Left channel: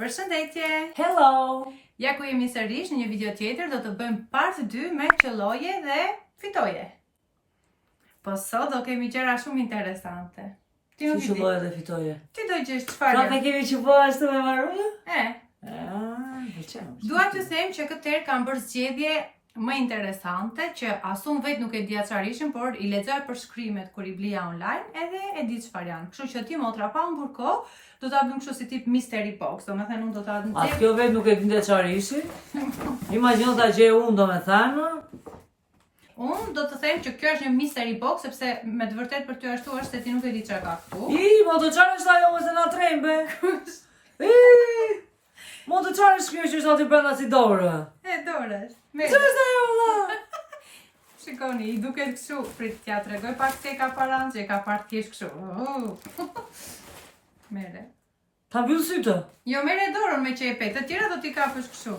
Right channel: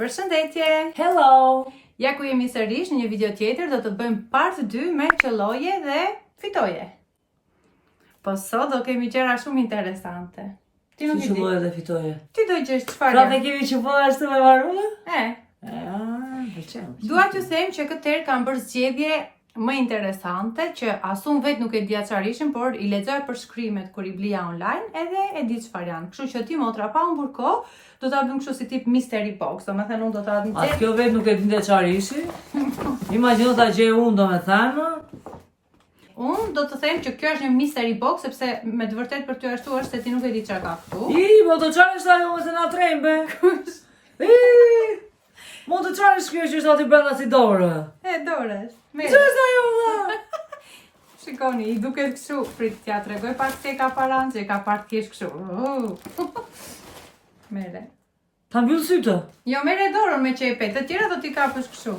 Përshëndetje! Hello! Ja ku jemi sërish në një video tjetër, do të bëjmë part 2 me qelloje dhe fitoje. Po sot do kemi gjëra shumë interesante. Si qelloje dhe fitoje? Ti do gjesh çfarë? Pra ne kemi që bëj ashtu me varrune? Pëlqen. Dua t'ju them që këtë herë kam bërë zgjedhje më interesante që as unë vetë nuk e dija çfarë ishin, por i lexoj përshkrimet kur i blija online edhe e di çfarë janë. Kështu që ti motra pa humbur kohë, do ta bëjmë kështu si tip mystery box, domethënë unë do ta them. Atë kjo vetë nuk e dinte çfarë ishin. Imagjino ta gjej unë domethënë. Unë do të them që kjo është një mystery box sepse me të vërtetë për ty ashtu është se ti nuk e di çfarë ka këtu. Po të çfarë është ajo më se na trembe? Mo të çfarë është kjo që është aty brenda si dorë? Dorë. Çfarë është ajo valla? Shikoni, i duket kështu, prit t'ja tregoj pak se ka paran, se ka pak thjesht kështu. Mere. Ta mbyll sytë? Jo, mere dorën me qepet, të tjera do t'i kapësh kështu.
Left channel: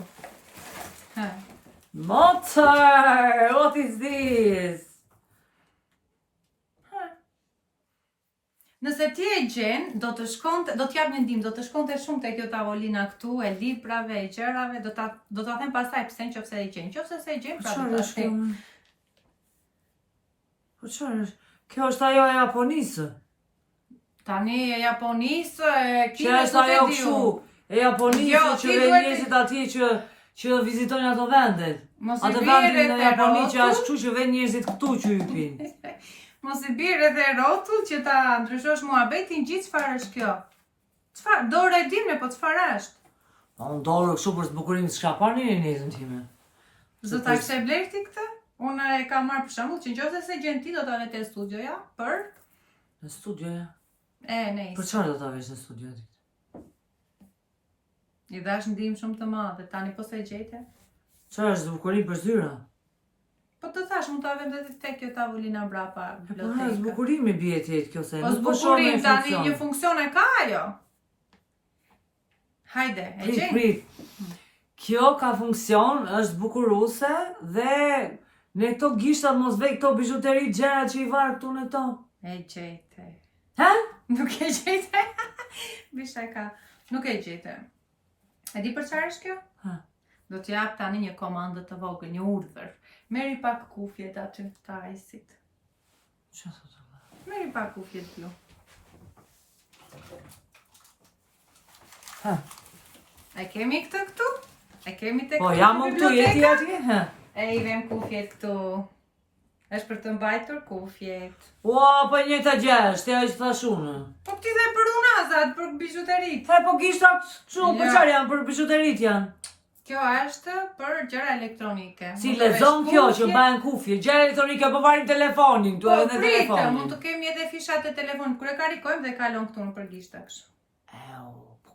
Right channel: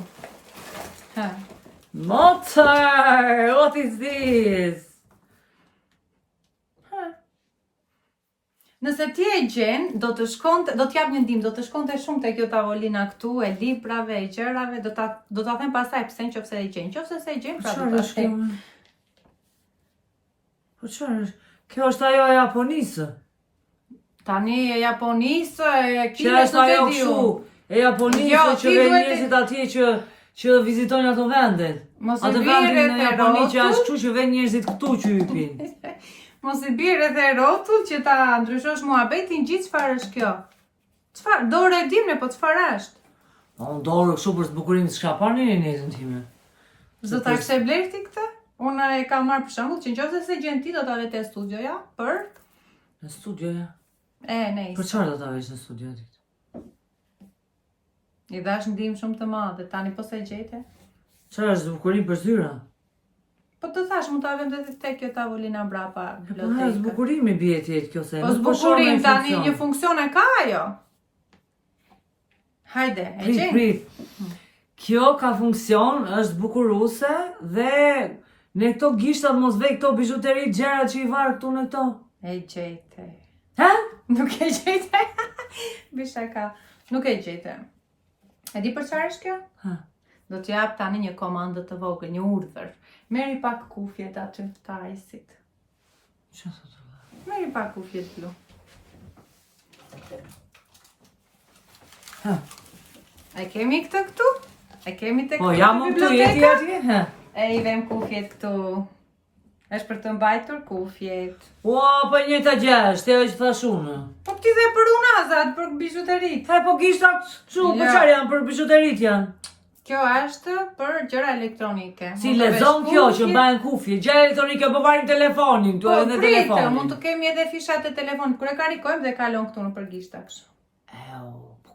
Mozart, what is this? Nëse ti e gjen, do t'jap një ndim, do të shkonte shumë te kjo tavolina këtu, e librave, e gjërave, do ta them pastaj pse nëse e gjen. Nëse se e gjen, pra do ta them. Po çfarë është? Kjo është ajo e Japonisë. Tani e Japonisë, e Kinë është ajo kështu, e Japonisë që vjen njerëzit atje që vizitojnë ato vendet. Atë vendin në Japoni që është kështu që vjen njerëzit këtu që hypin. Mos i bjerë edhe rotull që ta ndryshosh muhabetin gjithë çfarë është kjo. Çfarë? Dorë e dim ne, po çfarë është? Po unë dorë kështu për zbukurimin s'ka parë në nesën time. Do ta kishte bler ti këtë? Unë e kam marrë për shembull që nëse se gjen ti do ta lete studioja për në studioja. Nejse. Për çfarë do ta vesh në studio ti? I dash ndim shumë të madhe, tani po se gjete. Çfarë është zbukurim për zyra? Po të thash, mund ta vendet tek kjo tavolina brapa bibliotekës. Po zbukurimi bie ti kjo se. Po zbukurim tani një funksion e ka ajo. Hajde, e gjen. Prit. Kjo ka funksion, është zbukuruese dhe në këto gishtat mos vej këto bijuteri gjëra që i var këtu në këto. E gjete. Ha? Nuk e gjete. Bisha ka. Nuk e gjete. E di për çfarë është kjo? Ha. Do të jap tani një komandë të vogël, një urdhër. Meri pak kufjet aty të ajsit. Çfarë thotë? Meri pak kufjet blu. Ha. E kemi këtë këtu? E kemi tek. Po jam këtu, jeti atje? Ha. E i vem kufjet këtu. Është për të mbajtur kufjet. Ua, po njëta gjë është, ajo që thash unë. Po ti dhe për unazat, për bijuterit. Ha, po gishtat kështu, po çfarë janë për bijuterit janë? Kjo është për gjëra elektronike. Si lezon kjo që bëhen kufje, gjëra elektronike po varim telefonin, tu edhe telefonin. Po, mund të kemi edhe fishat e telefonit, kur e karikojmë dhe kalon këtu në përgishta kështu.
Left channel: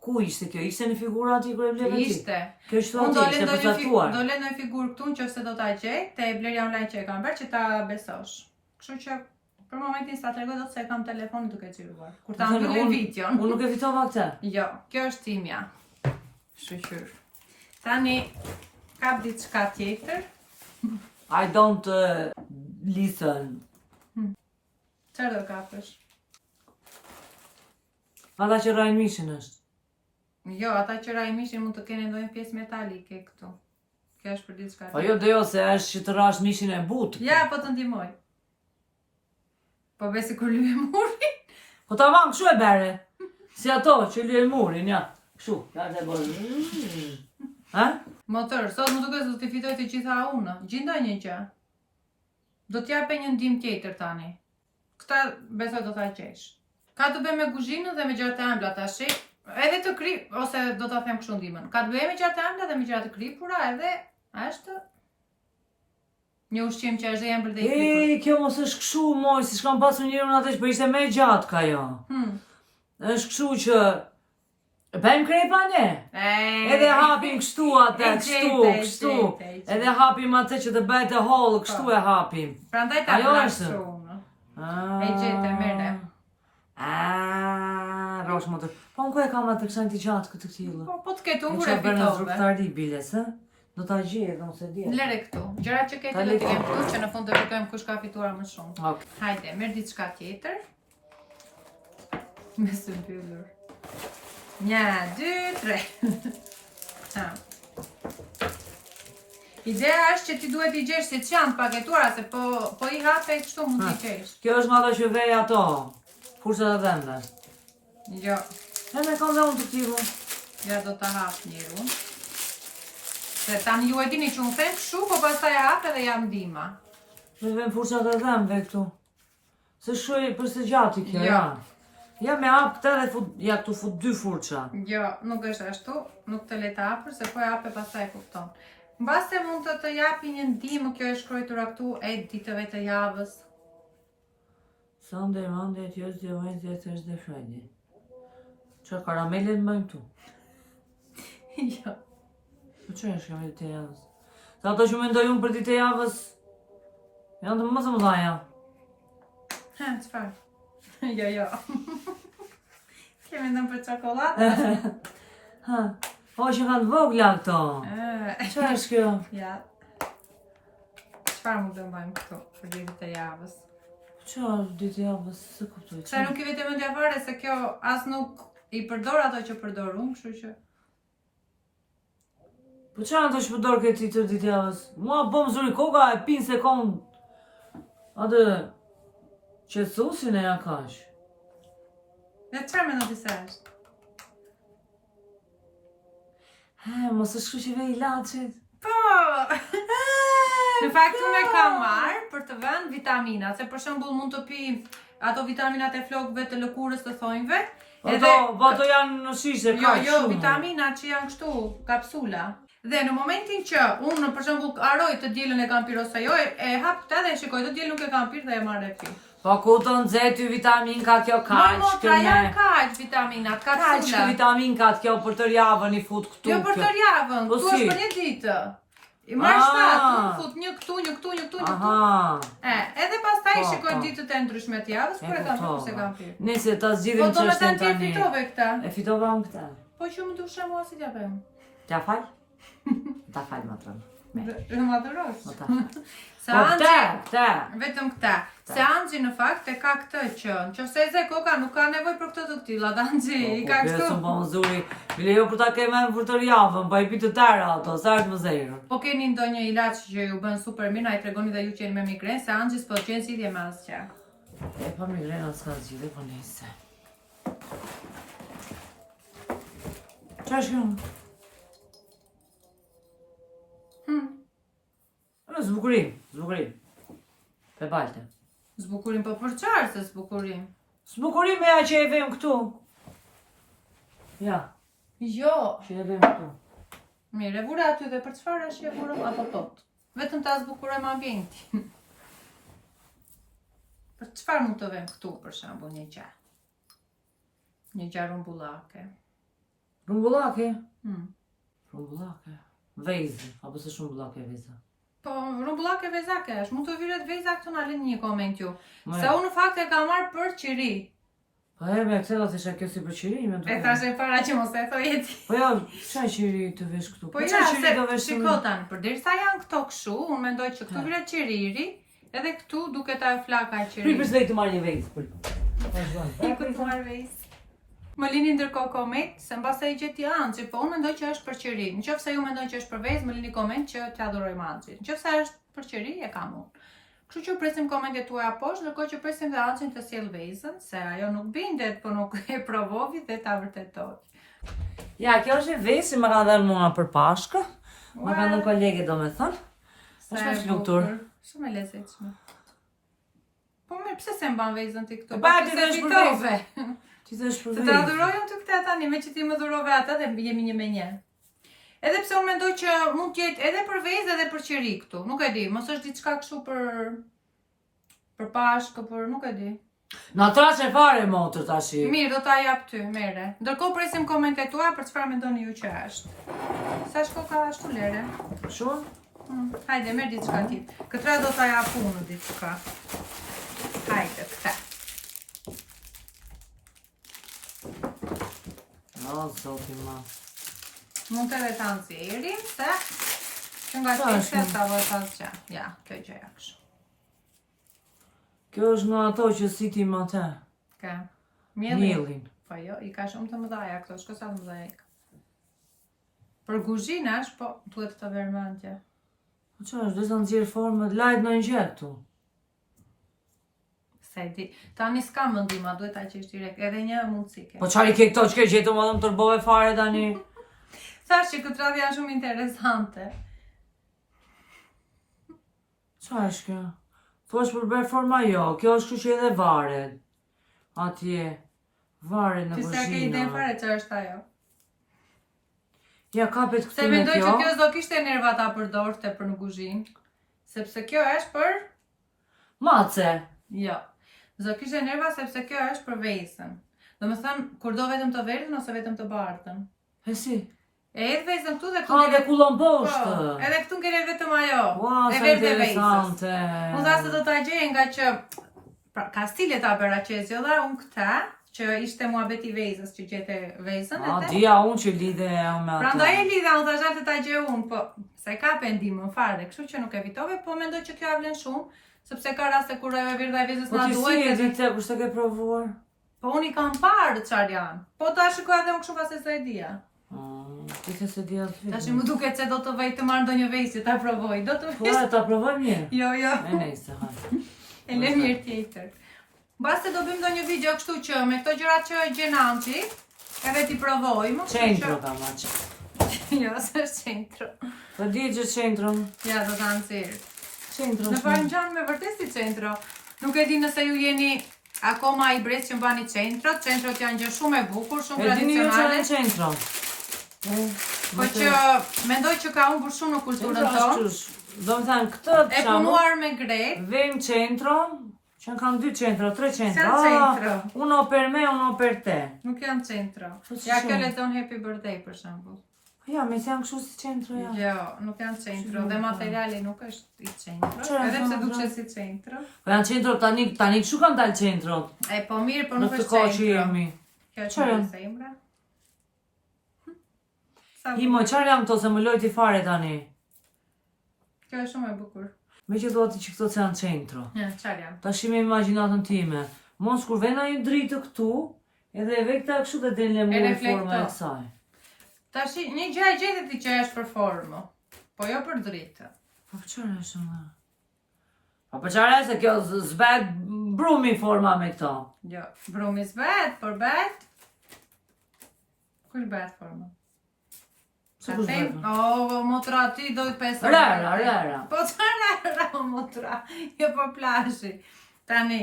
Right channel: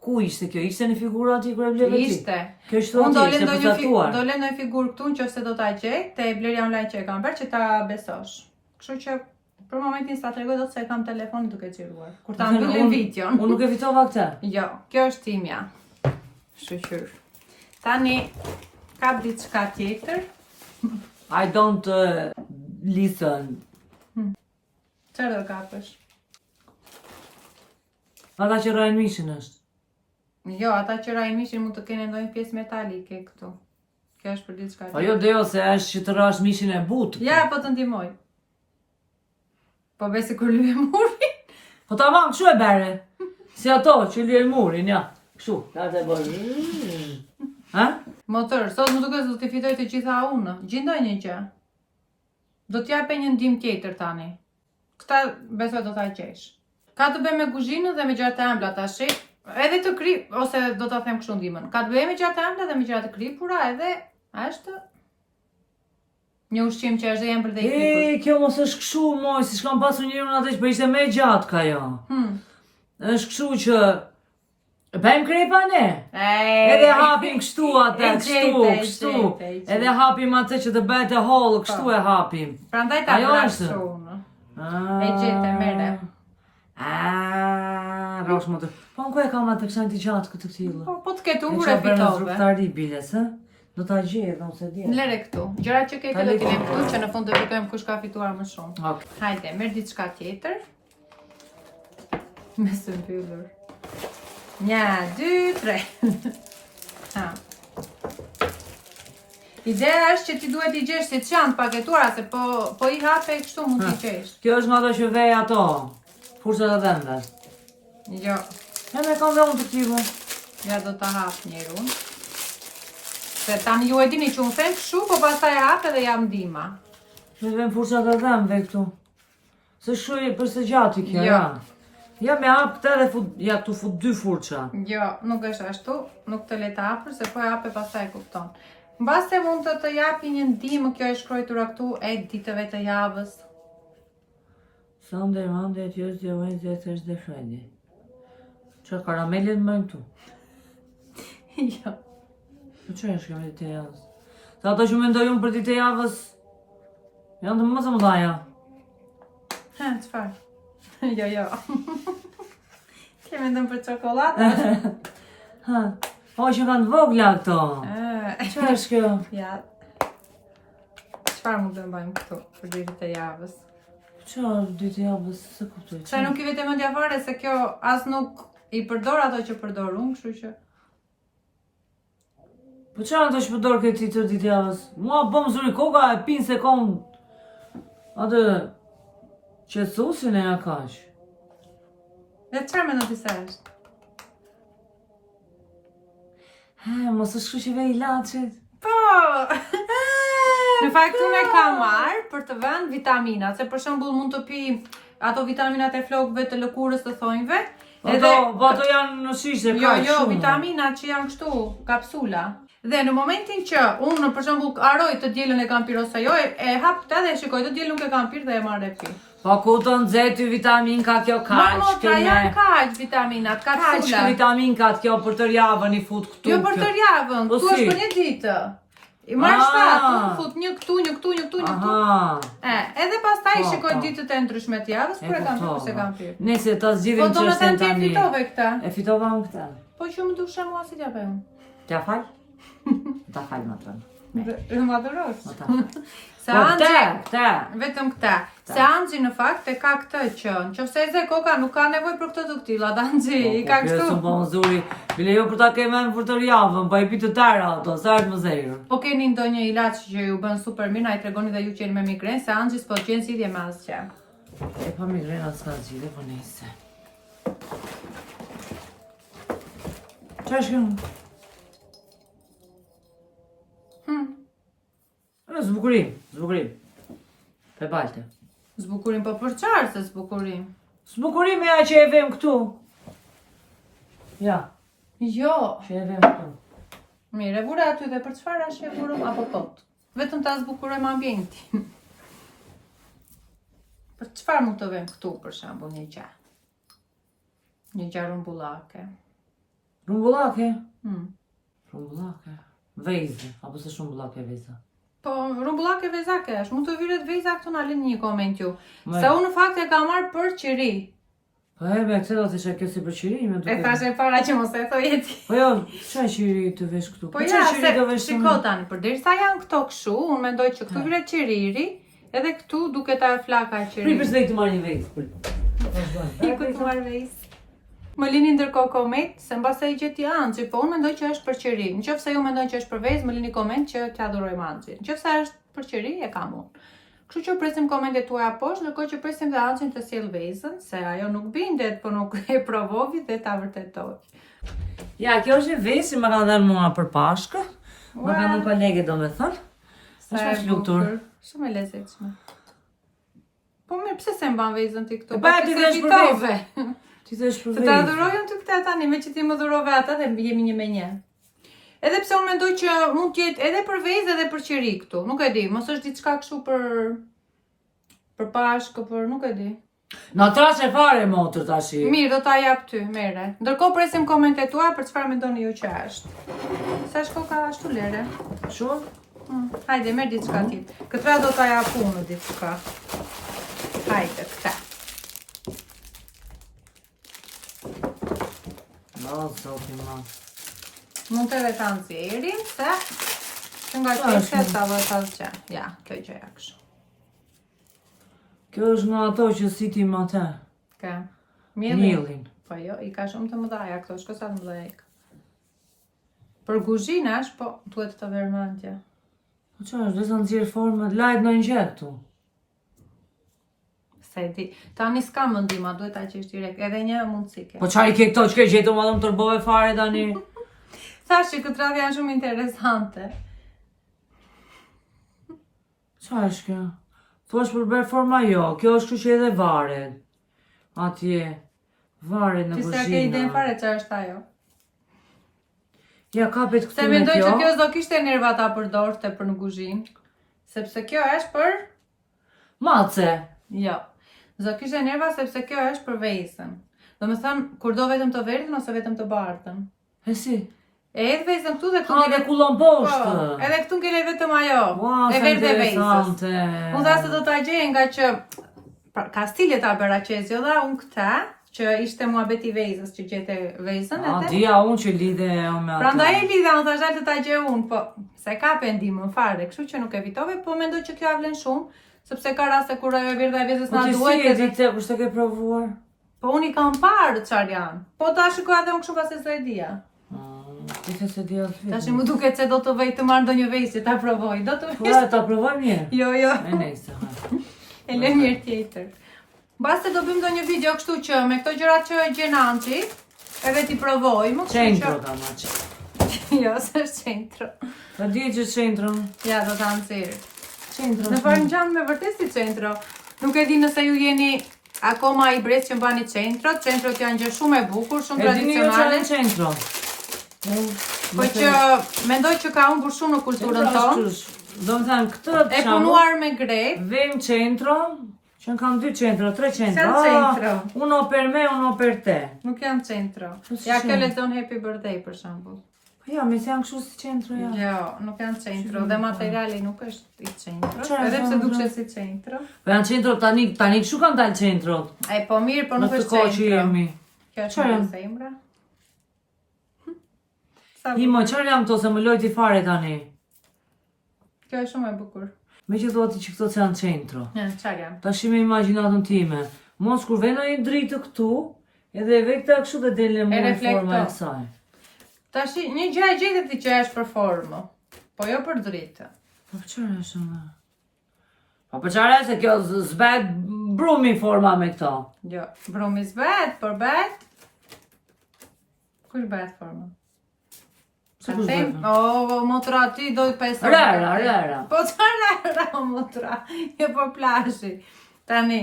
Ku ishte kjo? Ishte në figura aty kur e bleve ti? Ishte. Kjo është aty, ishte përcaktuar. Do lë në figurë këtu nëse do ta gjej, te blerja online që e kam bërë që ta besosh. Kështu që për momentin sa tregoj dot se e kam telefonin duke xhiruar. Kur ta mbyllim videon. Unë nuk e fitova këtë. Jo, kjo është timja. Shqyr. Tani kap diçka tjetër. I don't listen. Çfarë do kapësh? Ata që rajnë mishin është. Jo, ata që rajnë mishin mund të kenë ndonjë pjesë metalike këtu. Kjo është për diçka tjetër. Po jo dejo se është që të rash mishin e butë. Ja, po të ndihmoj. Po besi kur lyhe murin. Po ta vam kështu e bere. Si ato që lyhen murin, ja. Kështu, ka të bërë. Ha? Motor, sot më duket se do të fitoj të gjitha unë. Gjendoj një gjë. Do t'jape një ndim tjetër tani. Këta besoj do ta gjesh. Ka të bëjë me kuzhinën dhe me gjërat e ëmbla tash. Edhe të krip ose do ta them kështu ndimën. Ka të bëjë me gjërat e ëmbla dhe me gjërat e kripura edhe është një ushqim që është dhe ëmbël dhe i kripur. Kjo mos është kështu moj, si s'kam pasur njëri unë atë që ishte më gjatë ka jo. Është kështu që bëjmë krepa ne? Edhe hapim kështu atë, kështu. Edhe hapim atë që të bëhet e hollë, kështu e hapim. Prandaj ta bësh kështu. E gjete mere. Rosh motor. Po në ku e kam atë kësaj të gjatë këtë tillë? Po të ketë ure fitove. Rrugtari biles, ë? Do ta gjej, do se di. Lere këtu. Gjërat që ke këtu do t'i lëm këtu, se në fund do të bëjmë kush ka fituar më shumë. Okej. Hajde, merr diçka tjetër. Me së mbyllur. 1, 2, 3. Ha. Ideja është që ti duhet i gjesh si çantë paketuara, se po i hape e kështu mund t'i gjesh. Kjo është nga ato që vej ato, furçat e dhëndas. Jo. E me kam dhe unë të tjivu. Ja do ta hap njëri unë. Se tani ju e dini që unë them kështu, po pastaj e hap edhe jam ndihma. Me vem furçat e dhënve këtu. Se shuj për së gjati kjo, Jo. ja. Ja me hap këtë dhe ja këtu fut 2 furça. Jo, nuk është ashtu, nuk të le të hapër, se po e hape pastaj e kupton. Mbase mund të japi një ndihmë, kjo është shkruar këtu e ditëve të javës. Sunday, Monday, Tuesday, Wednesday, Thursday, Friday. Që karamelet më këtu? Jo. Po që është kjo ditë e javës? Se ato që mendoj unë për ditë e javës janë të më të mëdhaja. Ha, çfarë? Jo. Ti mendon për çokoladë? Ha, po që kanë të vogla këto. Që është kjo? Ja. Çfarë mund të bëjmë këtu për ditët e javës? Që është ditë e javës? Se kuptoj. Çfarë nuk i vete mendja fare se kjo as nuk i përdor ato që përdor unë, kështu që. Po që ato që përdor këti të ditë e javës? Mua bom zuri koka e pinë se kom atë qetësusin e ja kash. Dhe çfarë mendon ti se është? Mos është kështu që vej ilaçit. Po! Në fakt unë e kam marrë për të vënë vitaminat, se për shembull mund të pi ato vitaminat e flokëve të lëkurës të thonjve. Po ato janë në shishe, ka shumë. Jo, vitaminat që janë kështu, kapsula. Dhe në momentin që unë për shembull haroj të dielën e kam pirë ose jo, e hap këtë dhe e shikoj të dielën nuk e kam pirë dhe e marr e pi. Po ku të nxetë vitamin ka kjo kaq, kjo janë kaq vitaminat, kapsula. Kaq vitamin ka kjo për të javën i fut këtu. Jo për të javën, këtu është për një ditë. I marrë shtatë, unë fut një këtu. Edhe pastaj shikoj ditët e ndryshme të javës, kur e kam pirë se kam pirë. Nëse ta zgjidhim çështjen tani. Po do të fitove këtë. E fitova unë këtë. Po që më dusha mua si t'ja bëjmë. T'ja fal? Ta fal më tërë. Më adoros. Po ta fal. Se Po këta. Vetëm këta. Se Anxhi në fakt e ka këtë që nëse e zë koka nuk ka nevojë për këtë të këtillat. Anxhi i ka kështu. Po po zuri. Bile jo për ta kemë për të javën, po i pi të tëra ato, sa është më zero. Po keni ndonjë ilaç që ju bën super mirë, ai tregoni dhe ju që jeni me migrenë, se Anxhi s'po gjen zgjidhje me asgjë. E pa migrena s'ka zgjidhje, po nejse. Çfarë është kjo? Zbukurim. Pe balte. Zbukurim po për çfarë se zbukurim? Zbukurim e që e vem këtu. Ja. Jo. Që e vem këtu. Mirë, e vura aty dhe për çfarë është e vura apo tot? Vetëm ta zbukurojmë ambientin. Për çfarë mund të vem këtu për shembull një gjë? Një gjë rumbullake. Rumbullake? Rumbullake. Vezë, apo se rumbullake veza? Po, rumbullake vezake është, mund të viret veza këtu na lënë një koment ju. Se unë në fakt e kam marrë për qiri. Po e me këtë do të isha kjo si për qiri, me duke. E thashe para që mos e thojë ti. Po jo, çfarë qiri të vesh këtu? Po ja, shiko tani, përderisa janë këto kështu, unë mendoj që këtu viret qiriri, edhe këtu duket ajo flaka e qiri. Pripër se këtu marrë një vezë. Këtu marrë vezë. Më lini ndërkohë koment se mbase i gjeti Anxhi, po unë mendoj që është për qiri. Nëse ju mendoni që është për vezë, më lini koment që t'ia adhurojmë Anxhin. Nëse është për qiri, e kam unë. Kështu që presim komentet tuaja poshtë, ndërkohë që presim dhe Anxhin të sjell vezën, se ajo nuk bindet, po nuk e provovi dhe ta vërtetoj. Ja, kjo është një vezë që më ka dhënë mua për Pashkë. Më ka dhënë kolege domethënë. Është pas luktur. Shumë e lezetshme. Po mirë, pse se mban vezën ti këtu? Pa ti vesh për vezë. Ti thesh për vezë. Të adhurojmë ty këtë tani, me që ti më dhurove ata dhe jemi një me një. Edhe pse unë mendoj që mund të jetë edhe për vezë edhe për qiri këtu. Nuk e di, mos është diçka kështu për Pashkë, për nuk e di. Na trashe fare motër tash. Mirë, do ta jap ty, merre. Ndërkohë presim komentet tuaja për çfarë mendoni ju që është. Sa shkoka ashtu lere? Shumë? Hajde, merr diçka tjetër. Këtë do ta jap unë diçka. Hajde, këtë. O, zoti ma. Mund të edhe ta nxjerrim, se nga që ta vërë ta zgja. Ja, kjo i gjëja kështu. Kjo është nga ato që sitim atë. Ka? Mielin. Po jo, i ka shumë të mëdhaja këto, shko sa të mëdhaja i ka. Për kuzhinash, po, duhet të vermantja. Po që është, dhe sa nëzirë formë, lajt në një këtu. Se di, tani s'ka mëndima, duhet ta qesh direkt, edhe një mundësi ke. Po qari ke këto që ke gjetu ma dhëmë tërbove fare tani? Thashi, këtë radhë janë shumë interesante. Qa është kjo? To është për bërë forma jo, kjo është kështu që edhe varet. Atje, varet në Ti s'ka ke iden kuzhina. fare që është ajo. Ja kapet Se këtu me mendoj që kjo. kjo s'do kishte nerva ta përdorte për në kuzhinë. Sepse kjo është për... Mace. Jo. S'do kishte nerva sepse kjo është për vezën. Do me thënë, kur do vetëm të verdhën ose vetëm të bardhën. E si? E edhe vezën këtu dhe këtu... Ha dhe kullon Po, poshtë. edhe këtu ngele vetëm ajo. Ua, E sa verdhë e vezës. interesante. Unë tha se do t'a gjej nga që... Ka stile ta bëra qezjo dha unë këta, që ishte muhabeti vezës, që gjete vezën. A, dia unë që lidhe me atë. Pra ndaj e lidha, unë tha të ta gjej unë, po se ka pendimën fare, kështu që nuk evitove, po mendoj që kjo avlen shumë, sepse ka raste kur ajo verdha e vezës Po na ti si duhet. e di këtë, kështë të ke provuar? Po unë i kam parë çfarë janë. Po ta shikoj edhe unë kështu pas se s'do e dija. Ti se di atë Tash më duket se do të vej të marr ndonjë vezë ta provoj. Do të Po e ta provoj mirë. Jo, jo. E nejse, ha. E le mirë tjetër. Basta do bëjmë ndonjë video kështu që me këto gjërat që e gjen Anxhi, edhe ti provojmë. Centro ka ma që. Jo, s'është centro. Po di që centron. Ja, do ta nxjerr. Centro. Në fakt ngjan me vërtet si centro. Nuk e di nëse ju jeni akoma i brez që mbani centro. Centrot janë gjë shumë e bukur, shumë E dini ju që tradicionale. në centro? Po që mendoj që ka humbur shumë në kulturën tonë. Do më thanë këtë E punuar me gret. vem centro, që në kam 2 centro, 3 centro. Janë centro. Uno per me, uno per te. Nuk janë centro. Po si Ja janë? kjo lexon Happy Birthday për shembull. Po ja, me si janë kështu si centro ja. Jo, nuk janë centro. Dhe materiali nuk është i centro. Çfarë Edhe pse janë, duket si centro. Po janë centro tani kështu kanë dalë centrot. E po mirë, po Në nuk këtë është kohë që centro. jemi. Kjo është Çfarë? një zemra. Sa Imo, qarë jam këto se më lojti fare tani? Kjo është shumë e bukur. Me që do ati që këto që janë centro. Çfarë janë? Ta shime imaginatën time. Mos kur vena i dritë këtu, edhe e vekta kështu dhe delë mu në forma e saj. Tash një gjë e gjetë ti që është për formë, po jo për dritë. Po për qërë është më? Po për qërë se kjo zbet brumi forma me këto. Jo, brumi s'bet, por bet. Kush bet formë? Se kush Atem, bëhet? o, motra ti doj 5 Rara. Po të rara, o, motra. Jo, po plashi. Tani,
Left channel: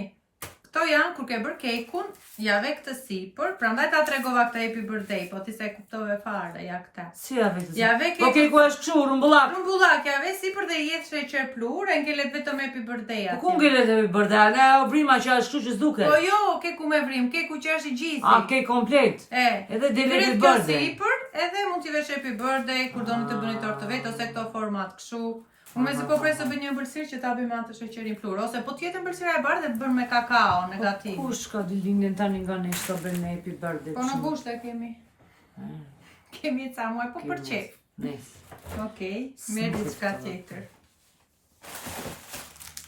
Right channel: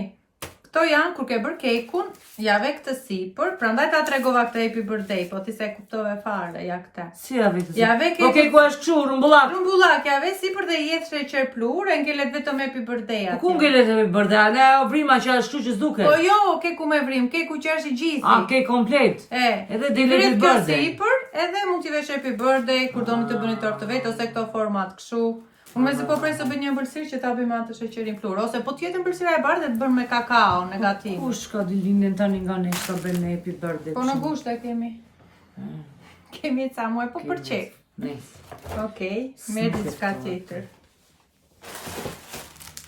këto janë, kur ke bërë kekun, jave këtë sipër, prandaj ta tregova këtë Happy Birthday, po ti se kuptove fare, ja këta. Si ja vetë? Ja ve Po ke ku është këshu, rumbullak. Rumbullak, jave sipër dhe jetë sheqer plur, e ngelet vetëm Happy Birthday Po atje. ku ngelet e bërda? Ne o vrima që është kështu që s'duke. Po jo, keku me vrim, keku që është i gjithi. A, ke komplet. Edhe dele Happy Birthday. Sipër, edhe mund t'i vesh Happy Birthday, kur doni të bëni tortë të vetë, ose këto format kështu. Unë me se po prej se bëj një ëmbëlsirë që ta bëjmë atë sheqerin plur, ose po tjetë ëmbëlsira e bardhë dhe të bërë me kakao negativ. Kush ka dilinin tani nga ne që të bëjmë ne Happy Birthday? Po në gushtë e kemi. Kemi ca muaj, po për qef. Nice. Okej, me diçka tjetër.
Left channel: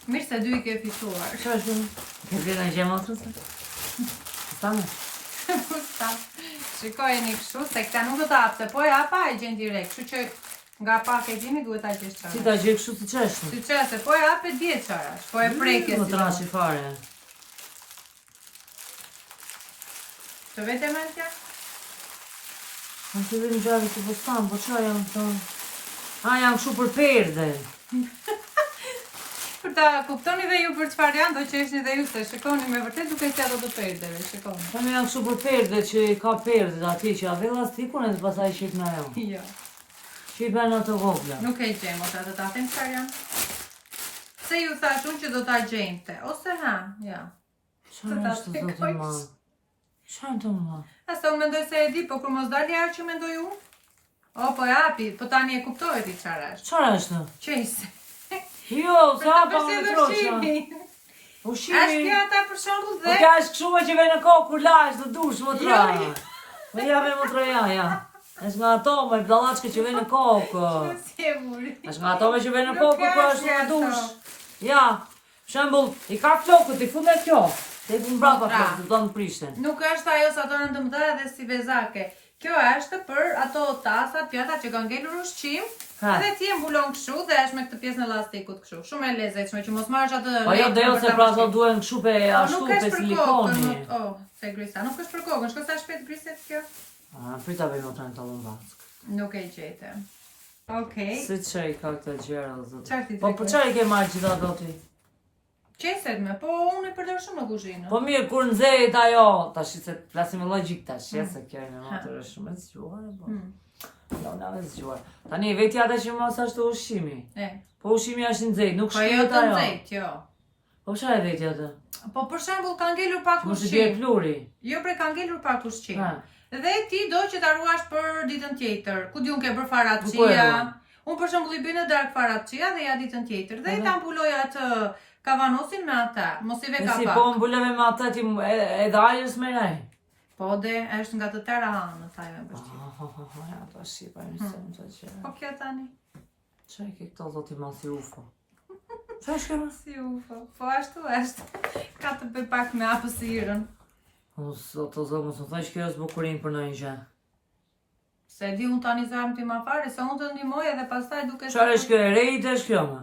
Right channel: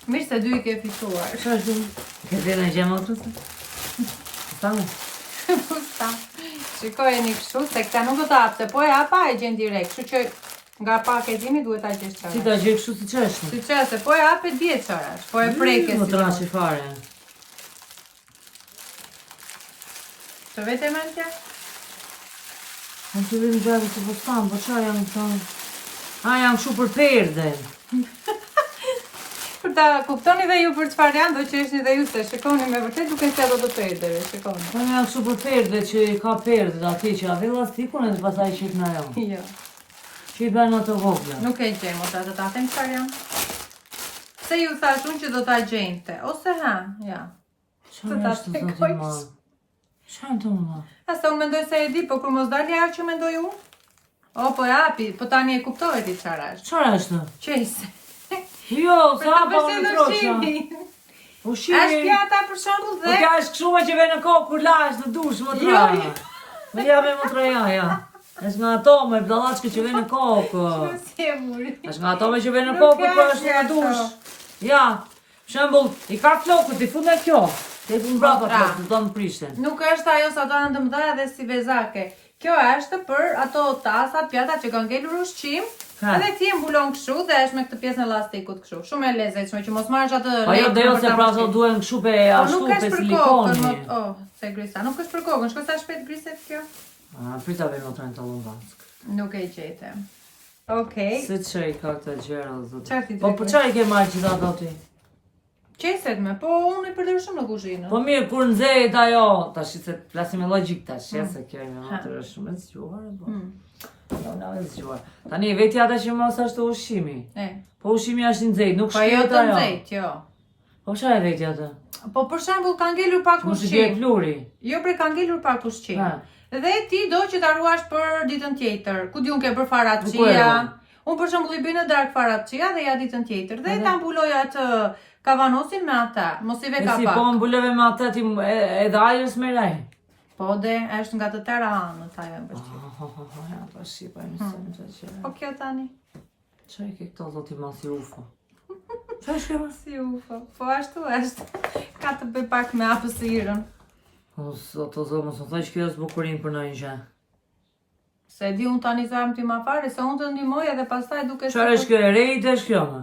Mirë se dy i ke fituar. Qa është shumë? Ke vjena i gjemë otru të? Stane? Sa, shikojeni kështu, se këta nuk do të hapte, po e hapa e gjen direkt, kështu që nga paketimi duhet ta gjesh çfarë. Si ta gjej kështu si qeshtë? Si çfarë, se po e hape dje çfarë, po e preke Më si. trashi fare. Të vete mentja? Në të dhe në gjave që po s'kam, po qa janë këtonë? A, janë kështu për perde. Për ta kuptoni dhe ju për çfarë janë, do qeshni dhe ju se shikoni me vërtet duke se ato të perdeve, shikoni. Këtonë janë kështu për perde që ka perde ati që ave lastikun e të pasaj qip në jo. Jo, Që i bërë në të vogla. nuk e gjejmë ota të ta them çfarë janë. Se ju thash unë që do ta gjejmte, ose ha, ja. Qa ta është të shpjegoj. zoti ma? Qa në të ma? Asa unë mendoj se e di, po kur mos dalë ja që mendoj unë. O, po e hapi, po tani e kuptoj ti çfarë është. Qa është? Qejse. Jo, sa hapa unë në troqa. Është Ushimi. pjata për shembull Po dhe kja është këshu me që ve në kokë kur lash dhe dush më tra. Jo, Me jave më tra ja. Është nga ato me bdallachke që ve në kokë. si e muri. Është nga ato me që ve në kokë kur është në dush. Ja. Shembull, I ka flokët, I fut me kjo. Te fut mbrapa flokët, do të prishten. Nuk është ajo sa të të mëdha dhe si vezake. Kjo është për ato tasat, pjata që kanë ngelur ushqim, edhe ti e mbulon kështu dhe është me këtë pjesën e lastikut kështu. Shumë e lezetshme që mos marrësh atë. Po jo deo se pra ato duhen kështu pe ashtu pe silikoni. Se grisa, nuk është për kokën, shko sa shpejt griset kjo. Prita vej më të talon vask. Nuk e gjete. Okej. Se çaj ka këta gjëra zot. Çfarë Po po çaj ke marrë gjithë ato ti? Qeset me, po unë I përdor shumë në kuzhinë. Po mirë, kur nxehet ajo, tash se flasim me logjik tash, se kjo me matër është shumë e zgjuar, po. Jo, na është zgjuar. Tani vetja ata që mos ashtu ushqimi. Po ushqimi është I nxehtë, nuk shkrihet ajo. Po jo të nxehtë, jo. Po çfarë vetja atë? Po për shembull ka ngelur pak ushqim. Mos I bie pluri. Jo, bre ka ngelur pak ushqim. Dhe ti do që ta ruash për ditën tjetër. Ku diun ke për faracia. Unë për shembull I bëj në darkë faracia dhe ja ditën tjetër. Dhe ta mbuloj atë kavanosin me ata, mos I ve ka pak. Si po mbuleve me ata ti edhe ajës me raj. Po dhe është nga të tëra anët ajo e Ja, ta shipa e mësëm të qërë. Po kjo tani? Qaj ke këto zoti ma si ufo? Qa është kema? Si ufo, po ashtu është. Ka të bëj pak me apësirën. O zotë, mos më thaj që kjo është bukurin për në një gjë. Se di unë tani sa ti ma fare, se unë të ndimoj edhe pastaj duke... Qarë është kjo e rejt është kjo me?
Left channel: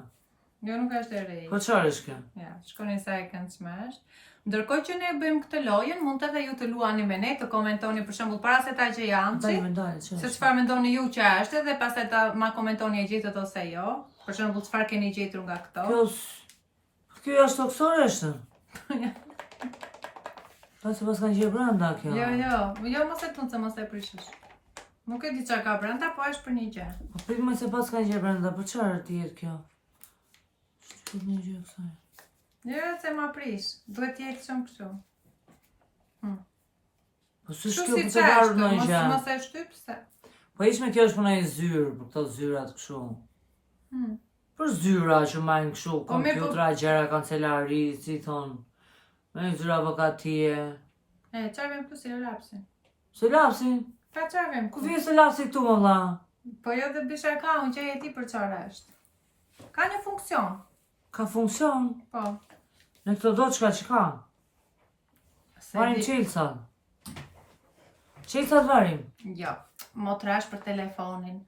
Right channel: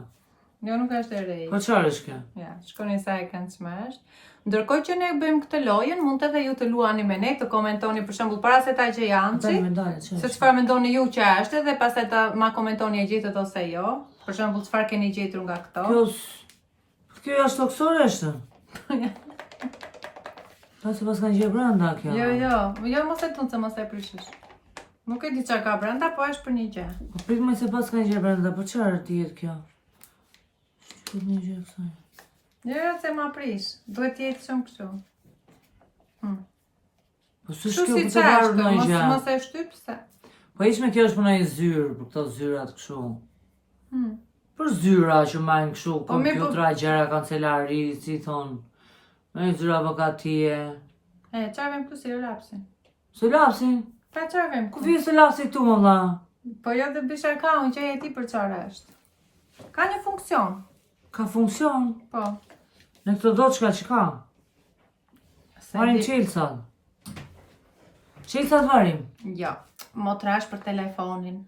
Jo, nuk është e rejt. Po qarë është kjo? Ja, shkoni sa e këndshme është. Ndërkohë që ne bëjmë këtë lojën, mund të edhe ju të luani me ne, të komentoni për shembull para se ta që janë se çfarë mendoni ju që është dhe pastaj ta ma komentoni e gjetët ose jo. Për shembull çfarë keni gjetur nga këto. Kjo është toksore është? Ta se pas kanë gjetur brenda kjo. Jo, mos e tunë se mos e prishish. Nuk e di çfarë ka brenda, po është për një gjë. Po prit më se pas kanë gjetur brenda, po çfarë dihet kjo? Çfarë një gjë kësaj? Jo, se ma prish. Duhet jetë shumë kështu. Po s'është kjo për të varur në një gjë. Mos e shtyp se. Po ishme kjo është për në një zyrë, për këto zyrat kështu. Për zyra që majnë kështu, kompjutra, gjera, kancelari, si thonë. Me një zyra avokatije. Qarvem këtu si lapsin. Se lapsin? Ta qarvem. Ku vje se lapsi këtu më dha? Po jo të bish account që e ti për qarë është. Ka një funksion. Ka funksion? Po. Në këto do qka që ka? Varim qelësat. Qelësat varim? Jo, mo trash për telefonin.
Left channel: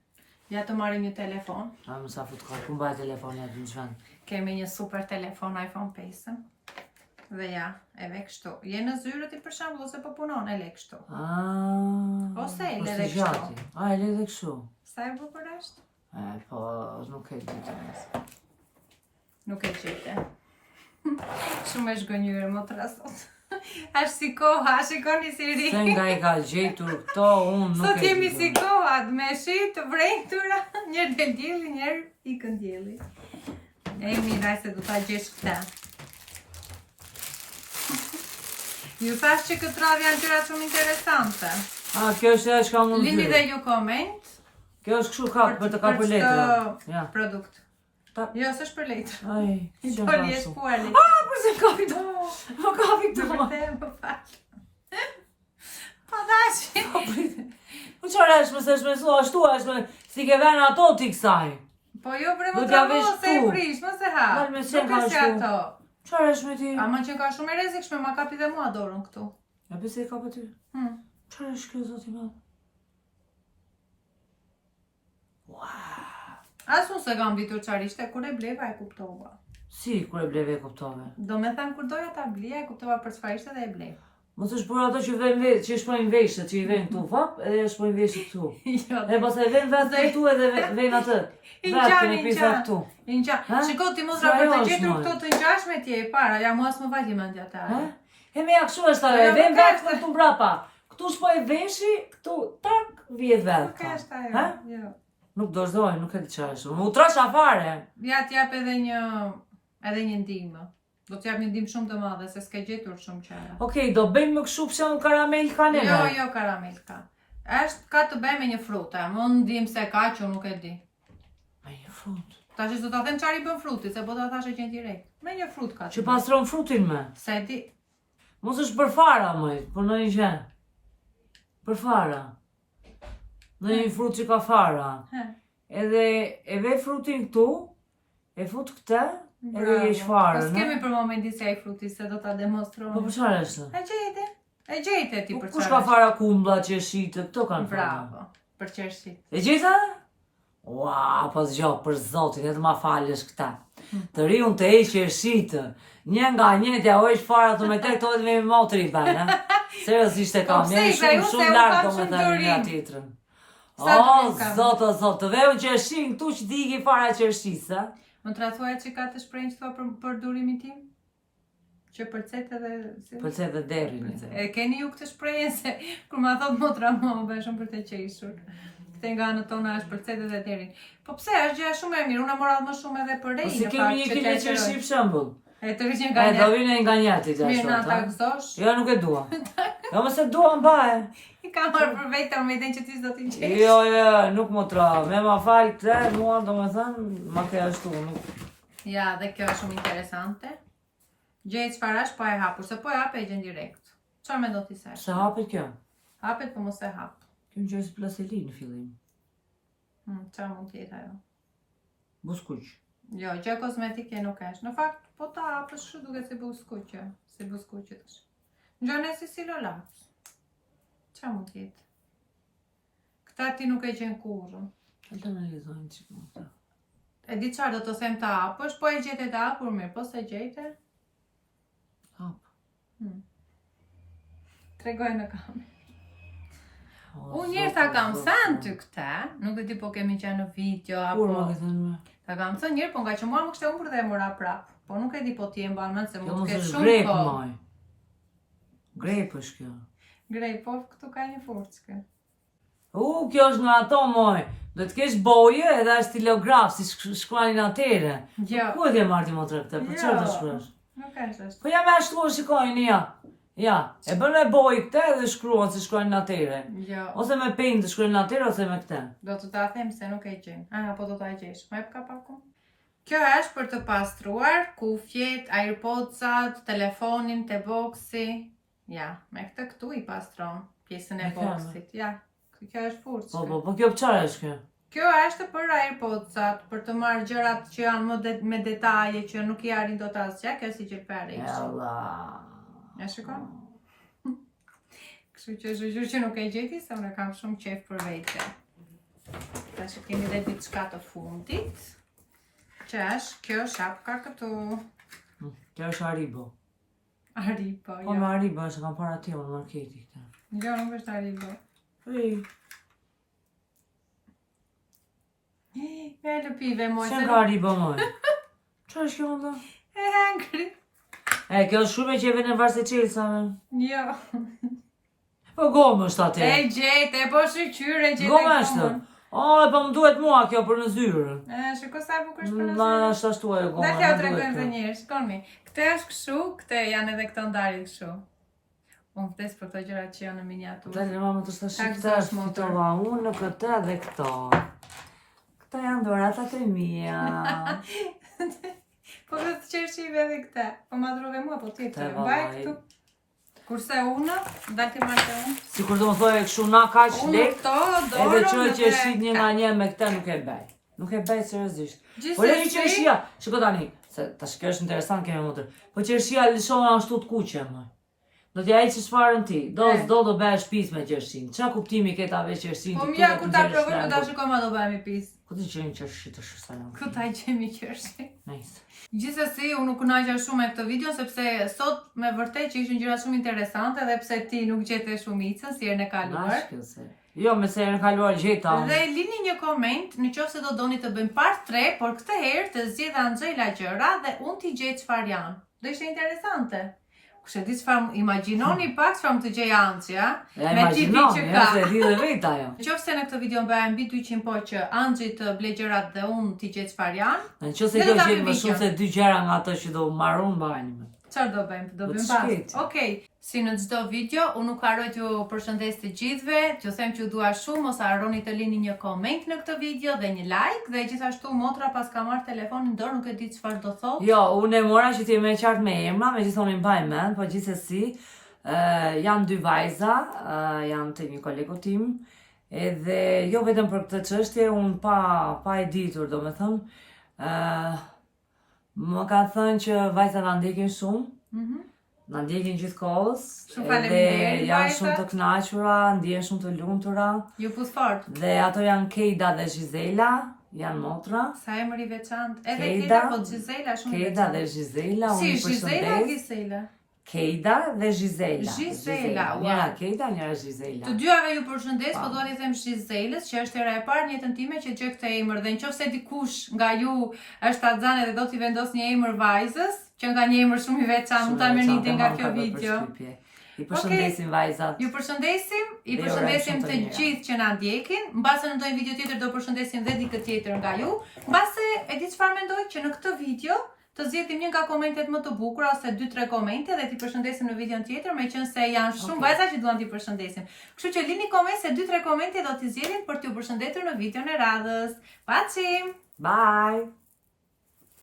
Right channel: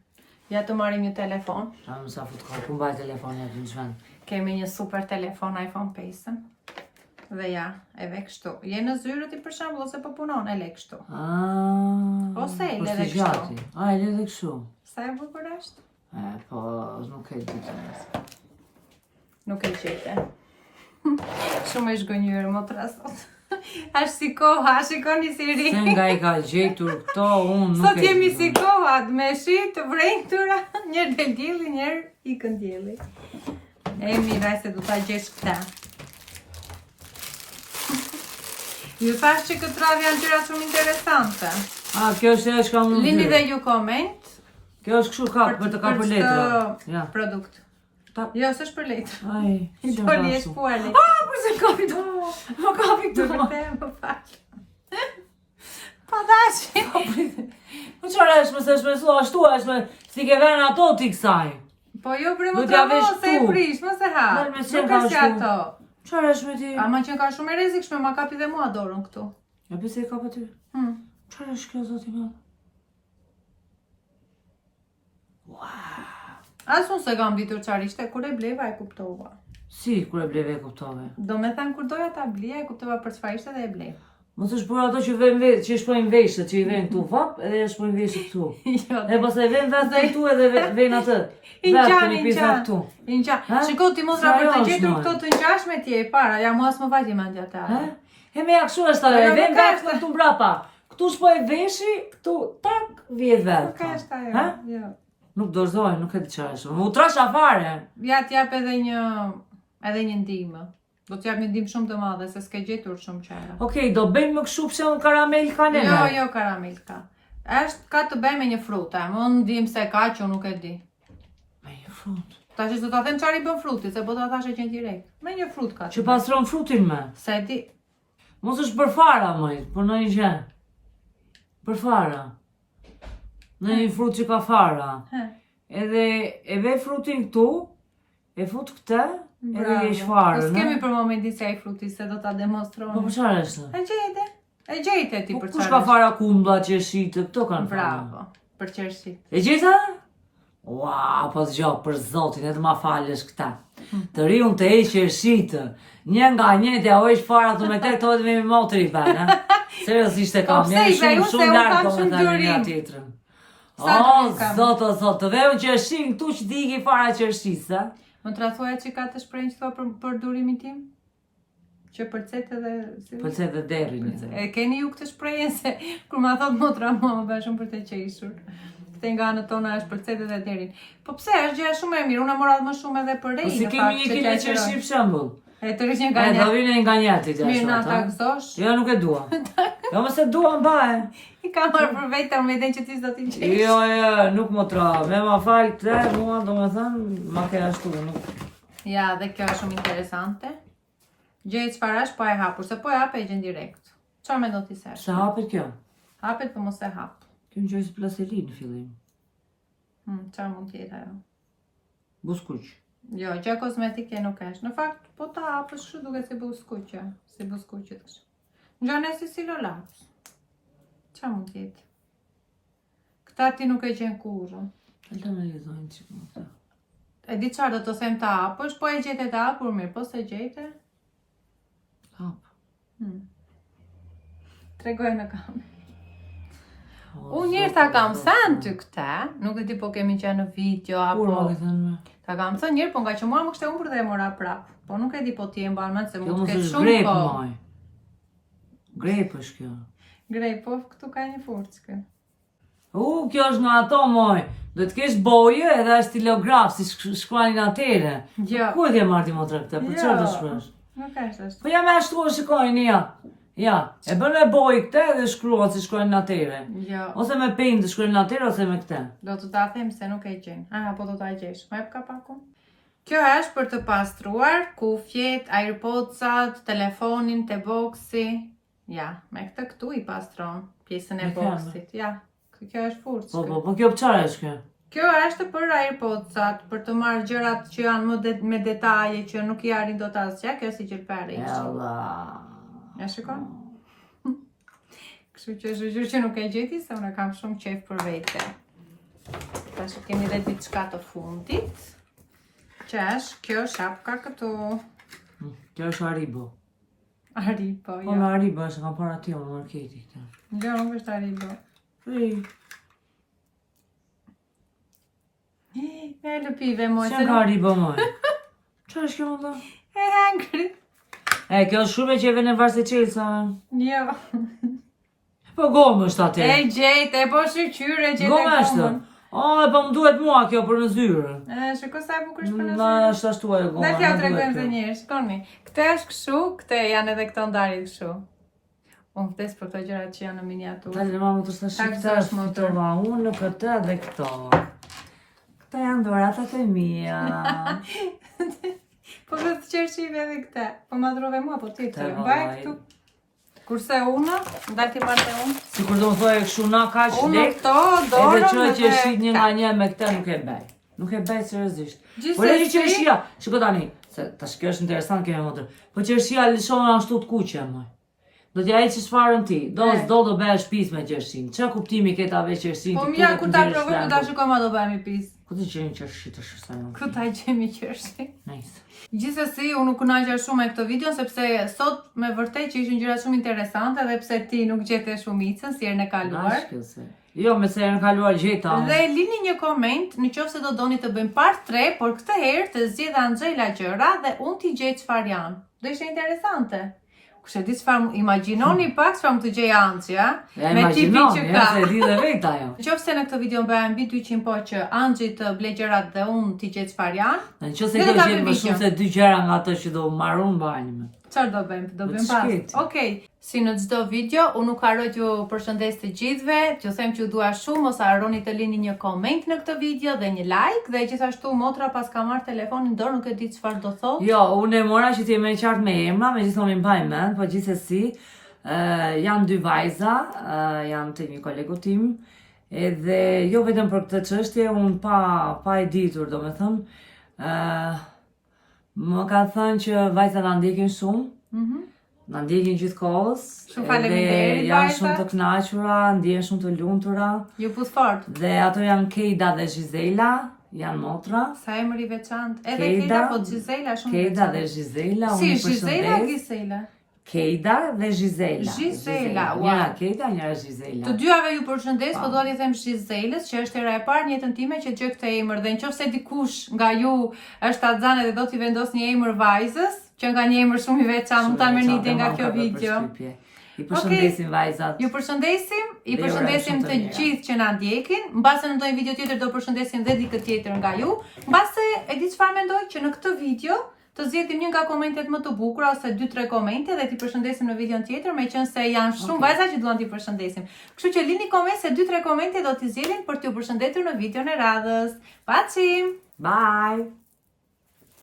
Ja të marim një telefon. Më sa fut ka, ku mbaj telefoni aty në qven? Kemi një super telefon iPhone 5. Dhe ja, e ve kështu. Je në zyrët I për shembull ose po punon, e le kështu. Ose e le dhe kështu. E le dhe kështu. Sa e bukur është? Po, nuk e ditë nësë. Nuk e qete. Shumë e shgënjyrë, mo të rasot. Ashtë si koha, shikoni si ri. Se nga I ka gjetur këto, unë nuk e... Sot jemi si koha, me shi të vrejtura, njerë dhe djeli, njerë I këndjeli. E miraj se du ta gjesh këta. Ju thash që këtë radhë janë gjëra shumë interesante. Kjo është e shka mund të Lini dhe ju koment. Kjo është kështu kap, për të ka për letra. Produkt. Jo, s'është për letër. Ai, që më kasu. Përse kapi do? Më kapi këtu. Më falë. Pa dashi. Po qërë është me se është me su, ashtu është me si ke venë ato t'i kësaj. Po jo, bre më tramo, se e prish, më se ha. Nërë me qenë ka shtu. Qërë është me ti? Ama qenë ka shumë e rezikshme, ma kapi dhe mua dorën këtu. E pëse I ka për ty? Qërë është kjo zoti madhë? Asë unë se kam ditur qarë ishte, kur e bleva e kuptova. Si, kur e bleve e kuptove? Do me thanë, kur doja ta blija e kuptova për çfarë ishte dhe e bleva. Mos është për ato që që shpojnë veshët, që I vejnë këtu vap, edhe e shpojnë veshët këtu. E pas e vejnë vetë këtu edhe vejnë atë. Vetë të një pisa këtu. Shiko, ti mos për të gjetur këto të ngjashme ti e para, ja mua s'më vajti mendja ta. E me jakëshu është ajo, e vejnë vetë këtu mbrapa. Këtu shpojnë veshi, këtu tak, vjet vetë. Nuk është ajo, jo. Nuk dorëzoj, nuk e di çfarë është. Më utrash afare. Ja t'jap edhe një ndihmë. Do t'jap një ndihmë shumë të madhe se s'ke gjetur shumë çara. Okej, do bëjmë më kështu pse un karamel ka neve. Jo, karamel ka. Ka të bëjmë me një frutë, më ndim se ka që nuk e di. Me një frutë. Tash do ta them çfarë I bën fruti, se po ta thashë që direkt. Me një frutë ka. Që pastron frutin me. Se di. Mos është për fara më, por në një gjë. Për fara. Në një frutë që ka fara. Edhe e ve frutin këtu, e fut këtë, Edhe je shfarë, Po s'kemi për momentin se ai fruti se do ta demonstroni. Po për çfarë është? E gjejte ti për çfarë? Kush ka fara kumblla, qershitë, këto kanë fara. Bravo, për qershit. E gjeta? Ua, po zgjo, për zotin, edhe ma falësh këta. Të riun të e qershitë, një nga njëtja o ish fara të me këte, këto edhe me motri bërë, seriosisht e kam, jemi shumë lartë do me thani nga tjetrën. O, zot, të vejun qershin këtu që digi fara qershisë, Më të rathuaj që ka të shprejnë që thua për durimin tim? Që përcet edhe... Përcet edhe deri një dhe. E keni ju këtë shprejnë se kur ma thot motra mua më bërë shumë për të qeshur. Këte nga në tona është përcet edhe deri. Po pse, është gjë shumë e mirë, unë morat më shumë edhe për rejnë. Po si kemi një kile qershi për shembull. E të rishë një nga njët. E do vine nga njëti gjashtot. Mirë na ta gëzosh. Jo, nuk e dua. Jo, mëse dua mbaje. I ka marrë për vetë me idejnë që ti s'do t'i qesh. Jo, nuk më tra. Me ma falë këte, mua do me thënë, ma ke ashtu, nuk. Ja, dhe kjo është shumë interesante. Gjejt çfarësh po e hapur, se po e hape e gjen direkt. Çfarë mendon ti se është? Se hapet kjo? Hapet po mos e hap. Kjo më gjojë si plastelin në fillim. Çfarë mund t'jetë ajo? Buskuq. Jo, gjë kozmetike nuk është. Në fakt, po ta hapësh kështu duket si buskuqe. Si buskuqet është. Ngjon si silolaps. Qa mund t'jetë? Këta ti nuk e gjen kurrë. E të analizojnë që më këta. E di qarë do të them ta hapësh, po e gjete ta hapur mirë, po se gjete? Hap. Tregoj në kamerë. Unë njërë ta kam thënë ty këta, nuk e di po kemi qenë në video, apo... Kur më ke thënë me? Ta kam thënë njërë, po nga që mua më kështë e umbër dhe e mora prap. Po nuk e di po ti e mbanë mënë se Kjo mund mos të ketë është shumë grep, po. maj. Grep është kjo. Grej, po këtu ka një furcë. Kjo është nga ato, moj. Do të kesh boje edhe është stilograf, si shkruanin atere. Jo. Ku e ke marrë ti motra këta? Për çfarë të shkruash? Nuk është. Po ja me ashtu shikojnë, ja. Ja, e bën me bojë këte dhe shkruan si shkruanin atere. Jo. Ose me penjë të shkruanin atere, ose me këte. Do të ta them se nuk e gjen. Po do ta gjesh. Më jep kapakun. Kjo është për të pastruar kufjet, AirPods-at, telefonin, te boksi. Ja, me këtë këtu i pastron pjesën e boksit. Ja, kjo është furcë. Po, kjo për çfarë është kjo? Kjo është për AirPods-at, për të marrë gjërat që janë me detaje, që nuk i arrin dot asgjë, kjo si gjelpare. Ella. Ja shikon? Kështu që është gjë që nuk e gjeti, se unë kam shumë qejf për vete. Tash kemi edhe diçka të fundit. Që është kjo shapka këtu. Kjo është Haribo. Haribo, Po me Haribo është kam para tjo në marketi këta. Jo, nuk është Haribo. E lëpive moj. Se ka Haribo moj? Qa është kjo më do? E hangri. Kjo është shumë e që e vene varse qelsa. Jo. Po gomë është atë. E gjete, po shqyre gjete. Gomë është. Po më duhet mua kjo për në zyrë. Shiko sa e bukur është për në Ma zyrë. është ashtu e gomë. Dhe kjo tregojmë dhe njërë, shikoni. Këte është këshu, këte janë edhe këto ndarit këshu. Unë vdes për të gjërat që janë në miniaturë. Dale, mamë të shtë shqiptar, fitova unë këtë dhe këto. Këta janë doratat e mija. Po këtë të qershive edhe këte. Po madrove mua, po ti të mbaj këtu. Kurse unë, ndati marrë unë. Si kur do më thoi e këshu na ka që Unë lek, këto dorën edhe që që shqit një nga një me këte nuk e bej. Nuk e bej seriozisht. Po le që qershia, shiko tani, se ta shkjo është interesant keme motër, po qershia lëshon ashtu të kuqe, moj. Do t'ja i që shfarën ti, do bëhe shpis me qershin. Qa kuptimi këta ve qershin Po mja, ku ta provoj, ku ta shiko ma do bëhemi pis. Ku të qenë qershi të shërsajon? Ku ta i qemi qershi. Nice. Gjithsesi, unë nuk kënaqja shumë me këtë video, sepse sot me vërtet që ishin gjëra shumë interesante dhe pse ti nuk gjete shumicën si herën e kaluar. Jo, me se herën e kaluar gjeta. Dhe lini një koment në qoftë se do doni të bëjmë part 3, por këtë herë të zgjedh Angela gjëra dhe unë t'i gjej çfarë janë. Do ishte interesante. Kush e di çfarë imagjinoni pak çfarë më të gjej Anxhi, a? Ja imagjinoni, ja se di dhe vetë ajo. Nëse në këtë video bëhem mbi 200 po që Anxhi të blej gjërat dhe unë t'i gjej çfarë janë. Nëse kjo gjen më shumë se 2 gjëra nga ato që do marrun mbajnë më. Çfarë do bëjmë? Do bëjmë pas. Okej. Si në çdo video, unë nuk harroj t'ju përshëndes të gjithëve, t'ju them që ju dua shumë, mos harroni të lini një koment në këtë video dhe një like, dhe gjithashtu motra pas ka marrë telefonin në dorë, nuk e di çfarë do thotë. Jo, unë e mora që ti më qartë me emra, megjithëse më mbaj mend, po gjithsesi janë 2 vajza, janë të një kolegu tim, edhe jo vetëm për këtë çështje, unë pa e ditur, domethënë, Më ka thënë që vajzat na ndjekin shumë. Na ndjekin gjithkohës. Shumë faleminderit, janë vajzat. shumë të kënaqura, ndjehen shumë të lumtura. Ju pus fort. Dhe ato janë Keida dhe Gisela, janë motra. Sa emër i veçantë. Edhe Keida, Keida, po Gisela shumë i Keida dhe veçantë. Gisela, Si, unë i Gisela përshëndes. Gisela? Keida dhe Gisela. Gisela, wow. Njëra Keida, njëra Gisela. Të dyave ju përshëndes, po dua t'i them Giselës që është hera e parë në jetën time që gjej këtë emër dhe nëse dikush nga ju është axhan dhe do t'i vendos një emër vajzës, që nga një emër shumë i veçantë, mund ta merrni ide nga kjo video. I përshëndesim vajzat. Ju përshëndesim, i Dhe ju përshëndesim urojmë të shumë të mira. gjithë që na ndjekin. Mbase në ndonjë video tjetër do përshëndesim dhe dikë tjetër nga ju. Mbase e di çfarë mendoj që në këtë video të zgjedhim një nga komentet më të bukura ose 2-3 komente dhe t'i përshëndesim në videon tjetër, meqense janë shumë vajza që duan t'i përshëndesim. Kështu që lini koment se 2-3 komente do t'i zgjedhim për t'ju përshëndetur në videon e radhës. Pacim! Bye!